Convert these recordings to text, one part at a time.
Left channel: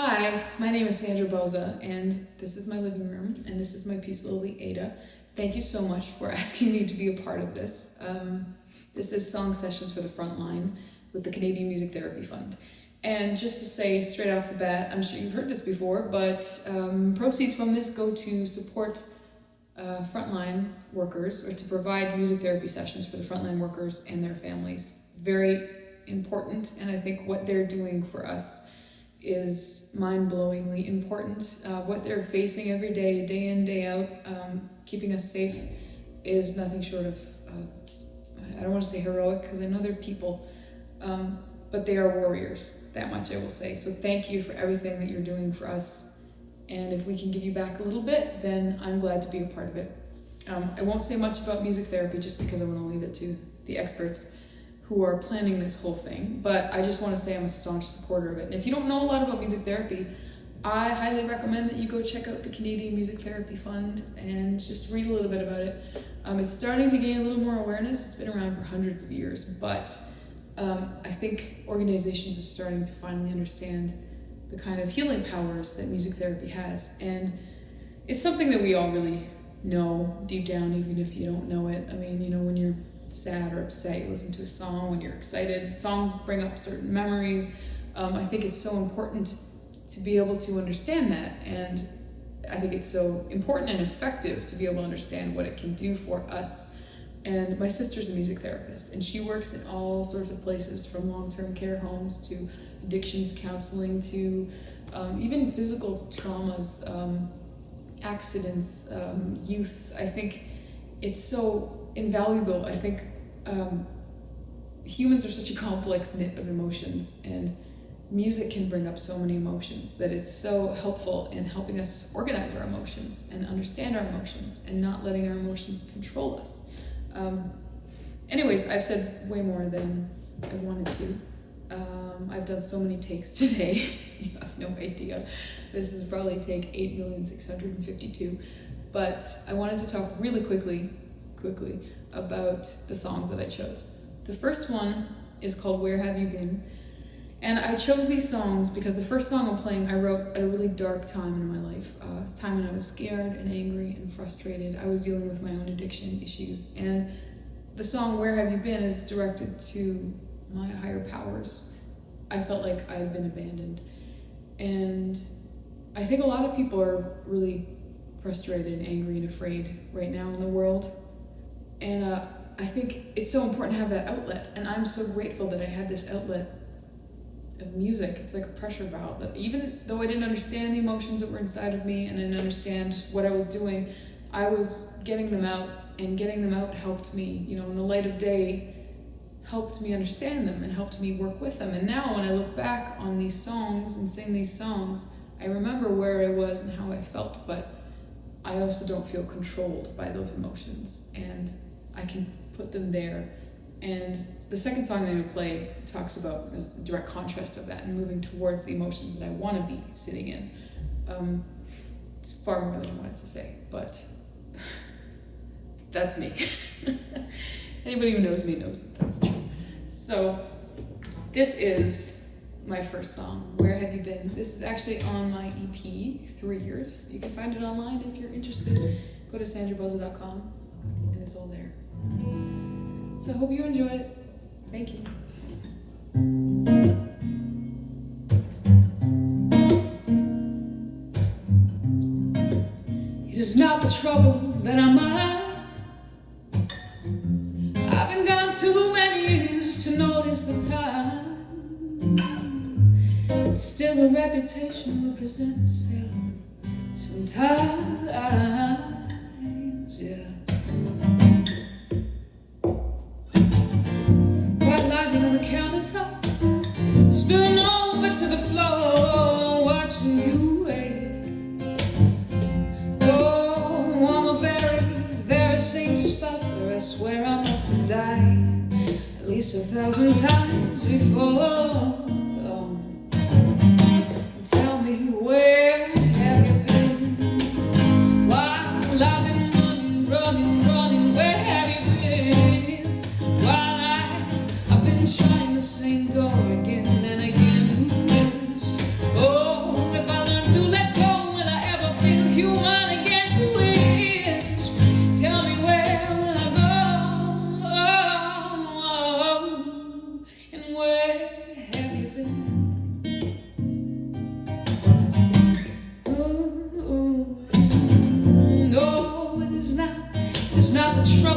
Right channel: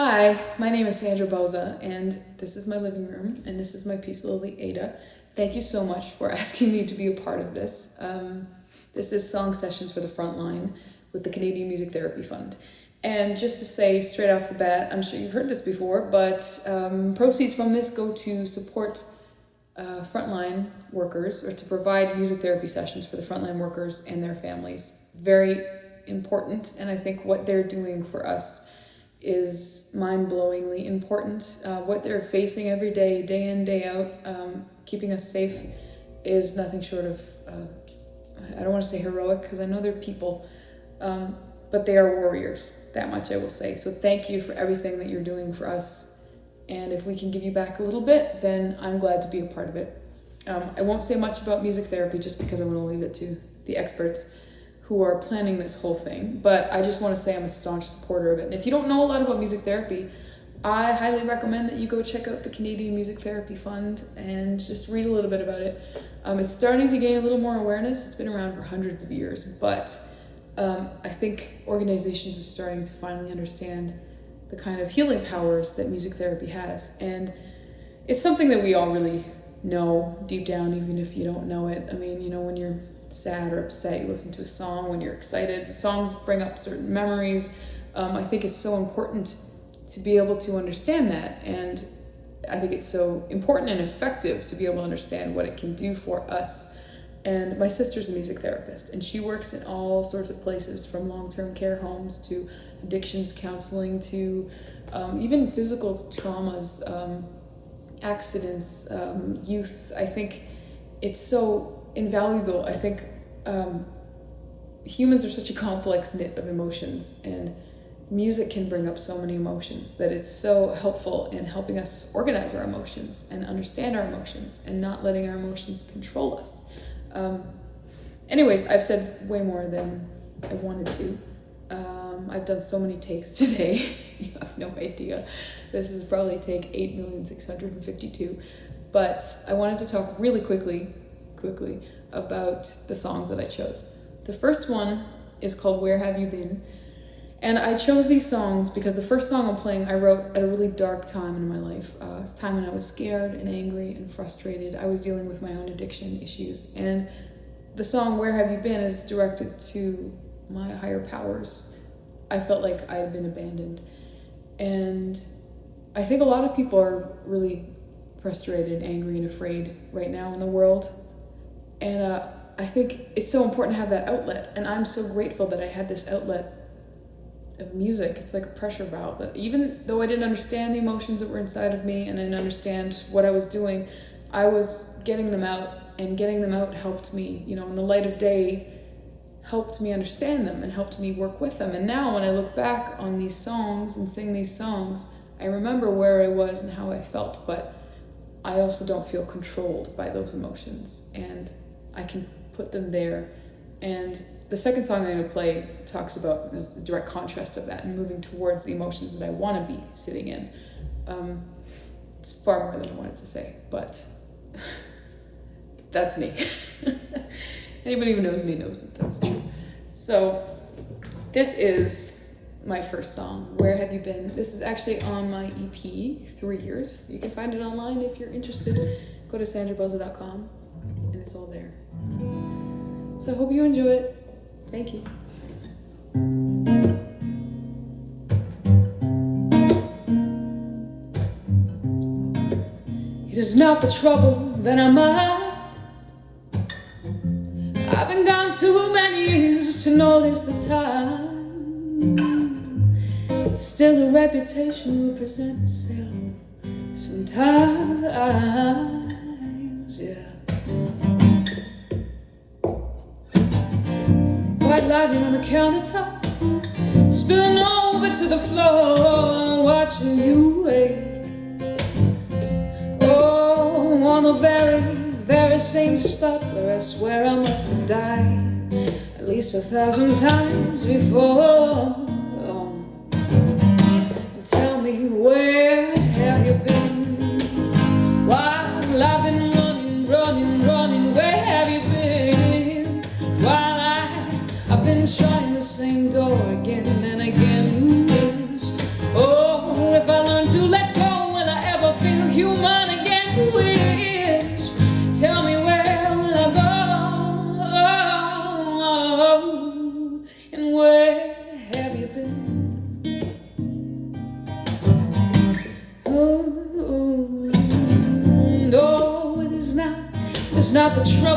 Hi, my name is Sandra Bouza, and this is my living room, and this is my piece, Lily Ada. Thank you so much for asking me to be a part of this. This is Song Sessions for the Frontline with the Canadian Music Therapy Fund. And just to say straight off the bat, I'm sure you've heard this before, but proceeds from this go to support frontline workers, or to provide music therapy sessions for the frontline workers and their families. Very important, and I think what they're doing for us is mind-blowingly important. What they're facing every day, day in, day out, keeping us safe, is nothing short of, I don't want to say heroic, because I know they're people, but they are warriors, that much I will say. So thank you for everything that you're doing for us, and if we can give you back a little bit, then I'm glad to be a part of it. I won't say much about music therapy just because I want to leave it to the experts who are planning this whole thing, but I just want to say I'm a staunch supporter of it. And if you don't know a lot about music therapy, I highly recommend that you go check out the Canadian Music Therapy Fund and just read a little bit about it. It's starting to gain a little more awareness. It's been around for hundreds of years, but I think organizations are starting to finally understand the kind of healing powers that music therapy has. And it's something that we all really know deep down, even if you don't know it. I mean, you know, when you're sad or upset, you listen to a song. When you're excited, songs bring up certain memories. I think it's so important to be able to understand that, and I think it's so important and effective to be able to understand what it can do for us. And my sister's a music therapist, and she works in all sorts of places, from long-term care homes to addictions counseling to even physical traumas, accidents, youth. I think it's so invaluable. I think humans are such a complex knit of emotions, and music can bring up so many emotions that it's so helpful in helping us organize our emotions and understand our emotions and not letting our emotions control us. Anyways, I've said way more than I wanted to. I've done so many takes today. You have no idea. This is probably take 8,652,000, but I wanted to talk really quickly about the songs that I chose. The first one is called Where Have You Been? And I chose these songs because the first song I'm playing I wrote at a really dark time in my life. It's a time when I was scared and angry and frustrated. I was dealing with my own addiction issues. And the song Where Have You Been is directed to my higher powers. I felt like I had been abandoned. And I think a lot of people are really frustrated, angry, and afraid right now in the world. And I think it's so important to have that outlet. And I'm so grateful that I had this outlet of music. It's like a pressure valve that even though I didn't understand the emotions that were inside of me and I didn't understand what I was doing, I was getting them out, and getting them out helped me, you know, in the light of day, helped me understand them and helped me work with them. And now when I look back on these songs and sing these songs, I remember where I was and how I felt, but I also don't feel controlled by those emotions, and I can put them there. And the second song I'm going to play talks about the direct contrast of that and moving towards the emotions that I want to be sitting in. It's far more than I wanted to say, but that's me. Anybody who knows me knows that that's true. So this is my first song, Where Have You Been? This is actually on my EP, 3 Years. You can find it online if you're interested. Go to sandrabouza.com and it's all there. So I hope you enjoy it. Thank you. It is not the trouble that I'm at. I've been gone too many years to notice the time. But still a reputation will present itself sometimes, yeah. White lightning on the countertop, spilling over to the floor, watching you wait. Oh, on the very, very same spot where I swear I must have died at least 1,000 times before. Oh. Tell me, where have you been? While I've been running, where have you been? While I've been trying the same door again and again. Oh,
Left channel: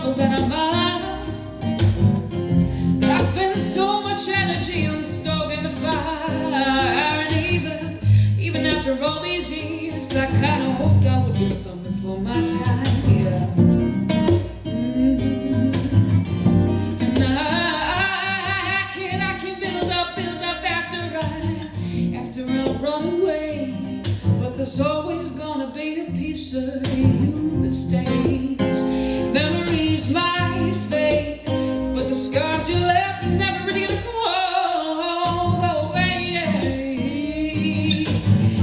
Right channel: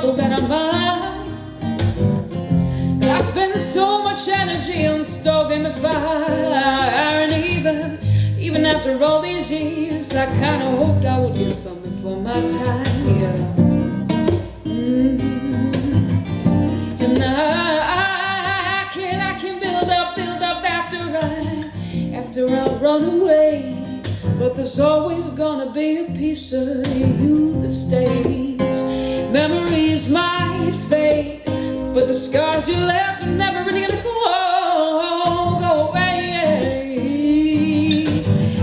trouble that I mind. I spend so much energy on stoking the fire, and even after all these years, I kinda hoped I would get something for my time. Yeah. And I can build up after I run away. But there's always gonna be a piece of you that stays. Memories might fade, but the scars you left are never really gonna go away.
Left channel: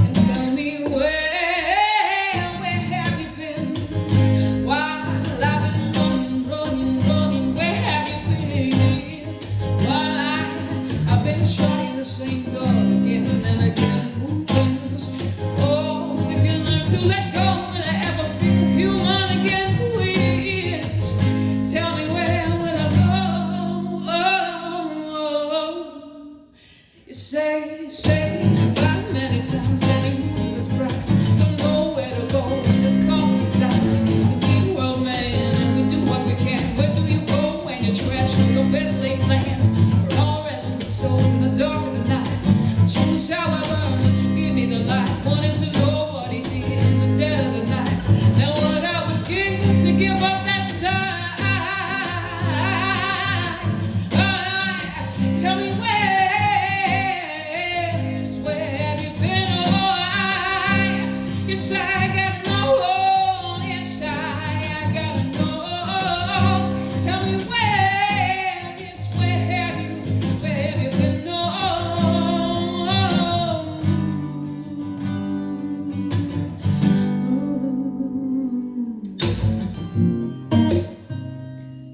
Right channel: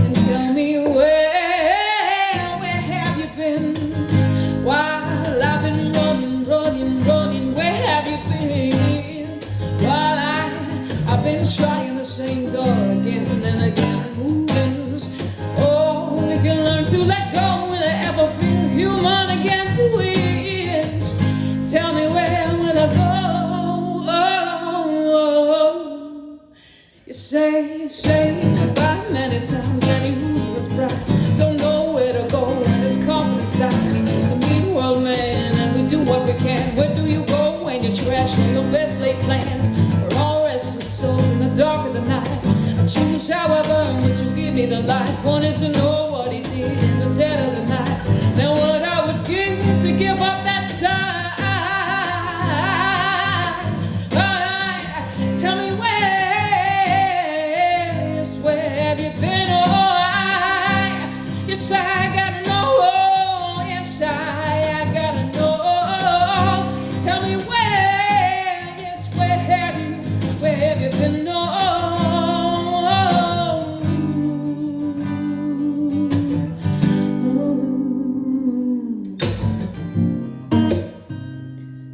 And tell me where have you been? While I've been running, where have you been? While I've been trying the same door again and again. Say goodbye many times and he loses his pride. Don't know where to go when his confidence dies. It's a mean world, man, and we do what we can. Where do you go when you're trash with the best laid plans? We're all restless souls in the dark of the night. I choose, however, would you give me the light? Wanted to know what he did in the dead of the night. Now what I would give to give up that side. Tell me where.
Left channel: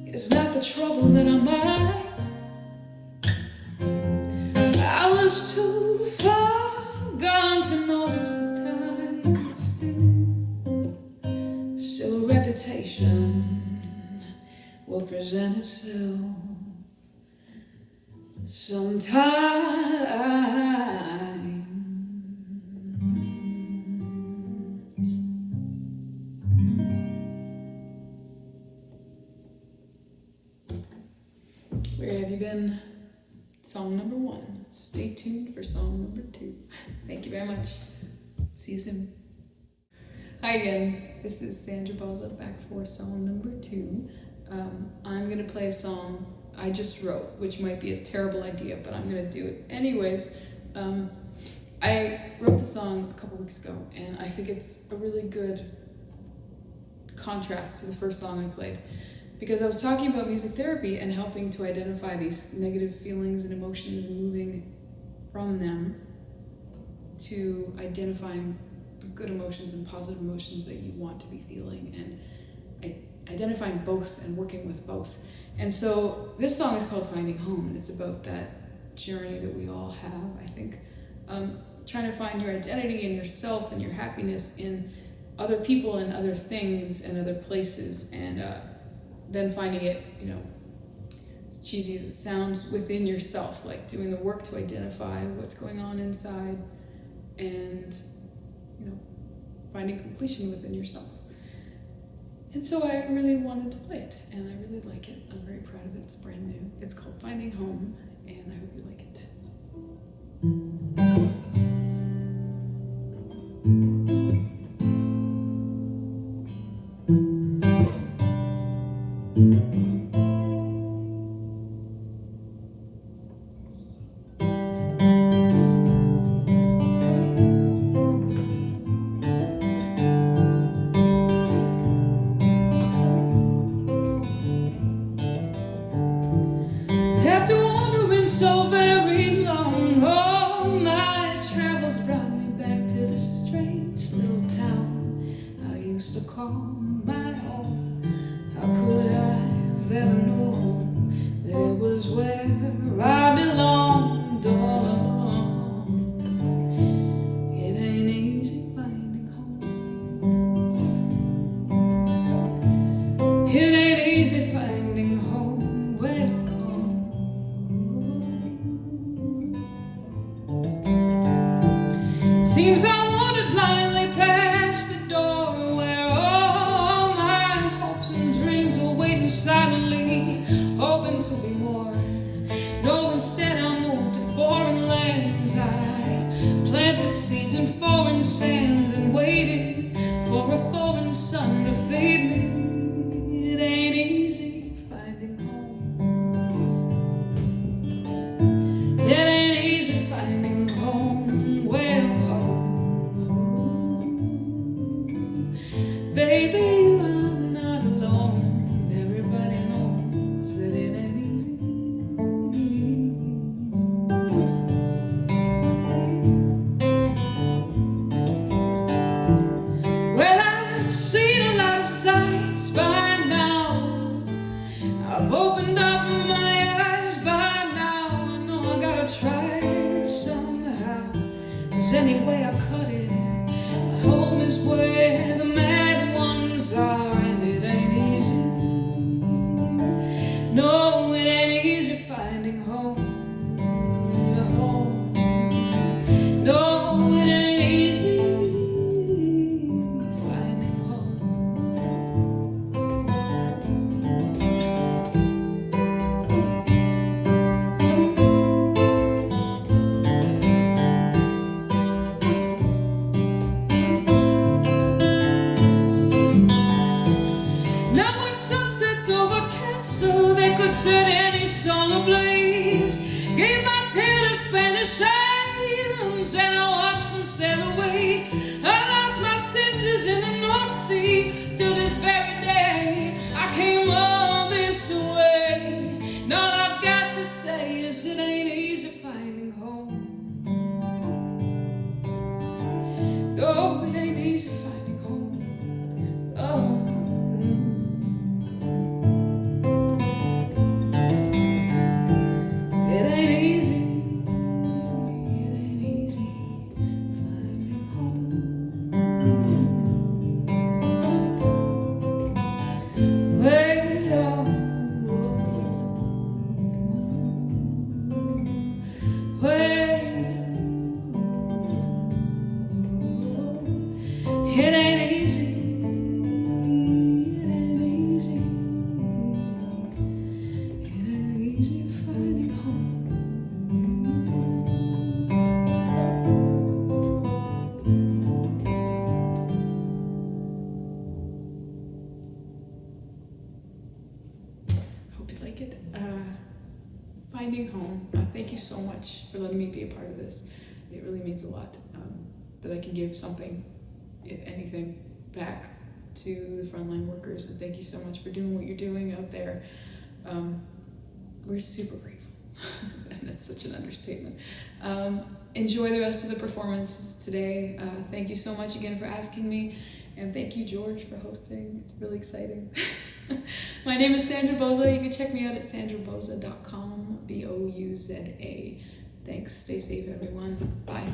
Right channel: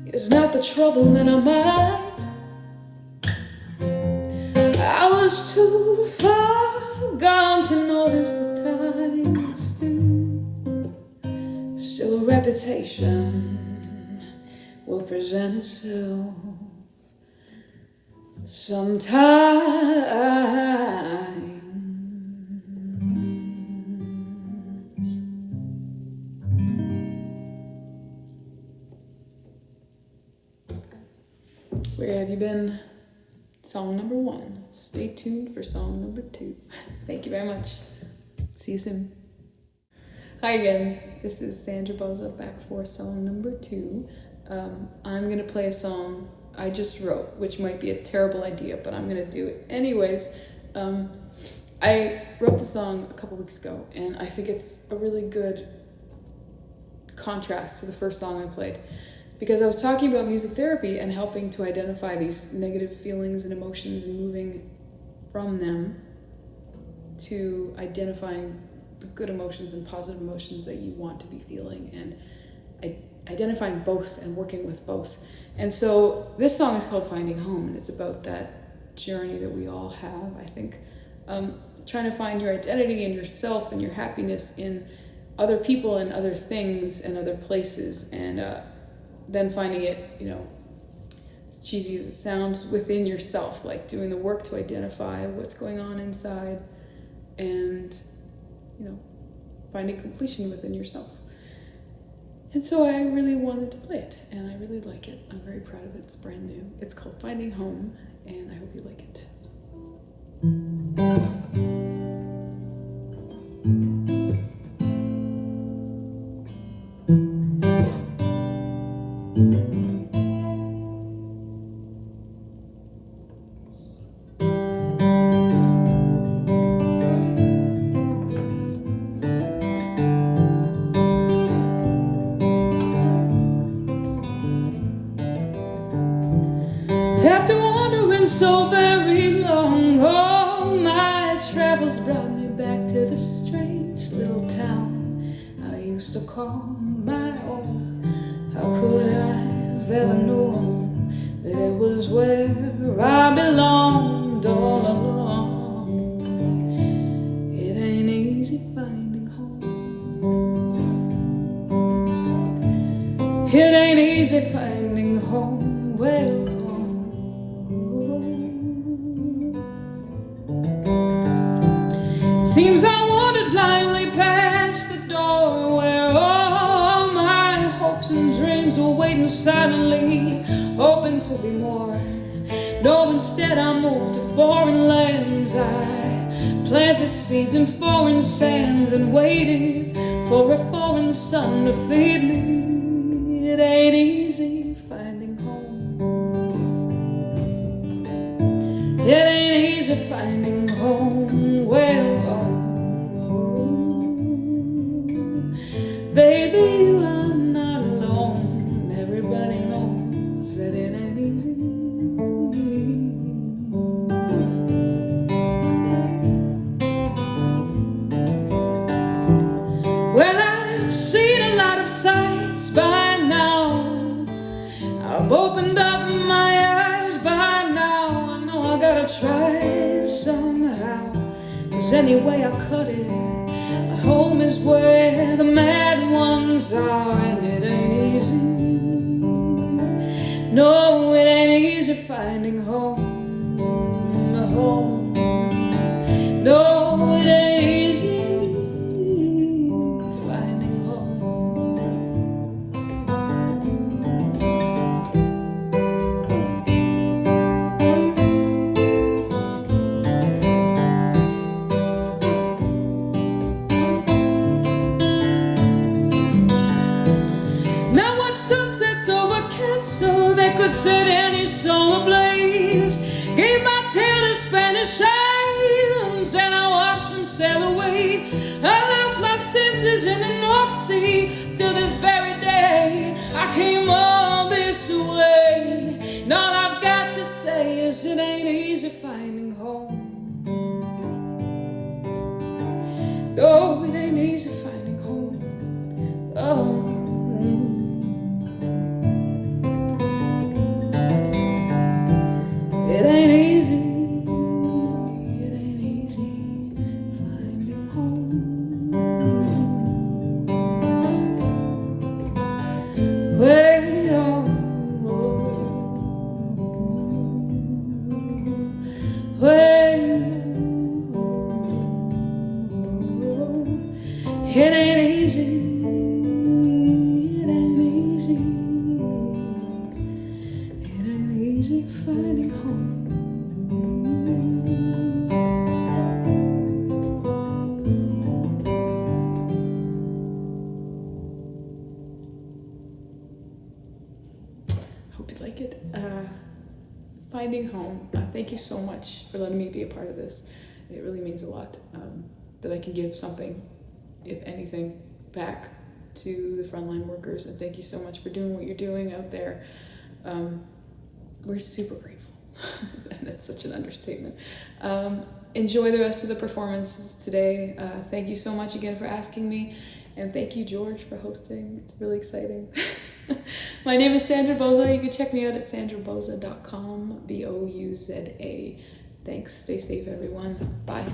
It's not the trouble that I mind. I was too far gone to notice the time. Still a reputation will present itself sometimes. Where have you been? Song number 1. Stay tuned for song number 2. Thank you very much. See you soon. Hi again. This is Sandra Bouza back for song number 2. I'm gonna play a song I just wrote, which might be a terrible idea, but I'm gonna do it anyways. I wrote the song a couple weeks ago, and I think it's a really good contrast to the first song I played. Because I was talking about music therapy and helping to identify these negative feelings and emotions and moving from them to identifying the good emotions and positive emotions that you want to be feeling, and identifying both and working with both. And so this song is called Finding Home, and it's about that journey that we all have, I think. Trying to find your identity and yourself and your happiness in other people and other things and other places, and then finding it, as cheesy as it sounds, within yourself, like doing the work to identify what's going on inside and, finding completion within yourself. And so I really wanted to play it, and I really like it. I'm very proud of it. It's brand new. It's called Finding Home, and I hope you like it. After wandering so very long, all my travels brought me back to the strange little town I used to call my own. How could I have ever known that it was where I belonged all along? It ain't easy finding home. It ain't easy finding home. Well, seems I wandered blindly past the door where all my hopes and dreams were waiting. waiting silently, hoping to be more. No, instead I moved to foreign lands. I planted seeds in foreign sands and waited for a foreign sun to feed me. It ain't easy finding home. It ain't easy finding home. Well, baby, you are not alone. Everybody knows that it ain't easy. Well, I've seen a lot of sights by now. I've opened up my eyes by now. I know I gotta try somehow. 'Cause any way I cut it, my home is where the mad ones are. And it ain't easy. No, it ain't easy finding home. Home. No, it ain't easy finding home. Now watch sunsets over castle that could set any song ablaze. Gave my tail to Spanish hands and I watched them sail away. I lost my senses in the North Sea till this very day. I came all this way. And all I've got to say is it ain't easy finding home. No, it ain't easy finding home. Oh. It ain't easy, it ain't easy finding home. Well, it ain't easy, it ain't easy, it ain't easy finding home. Hope you like it. Finding home. Thank you so much for letting me be a part of this. It really means a lot that I can give something, if anything, back to the frontline workers. And thank you so much for doing what you're doing out there. We're super grateful. And that's such an understatement. Enjoy the rest of the performances today. Thank you so much again for asking me. And thank you, George, for hosting. It's really exciting. My name is Sandra Bouza. You can check me out at sandrabouza.com, Bouza. Thanks. Stay safe, everyone. Bye.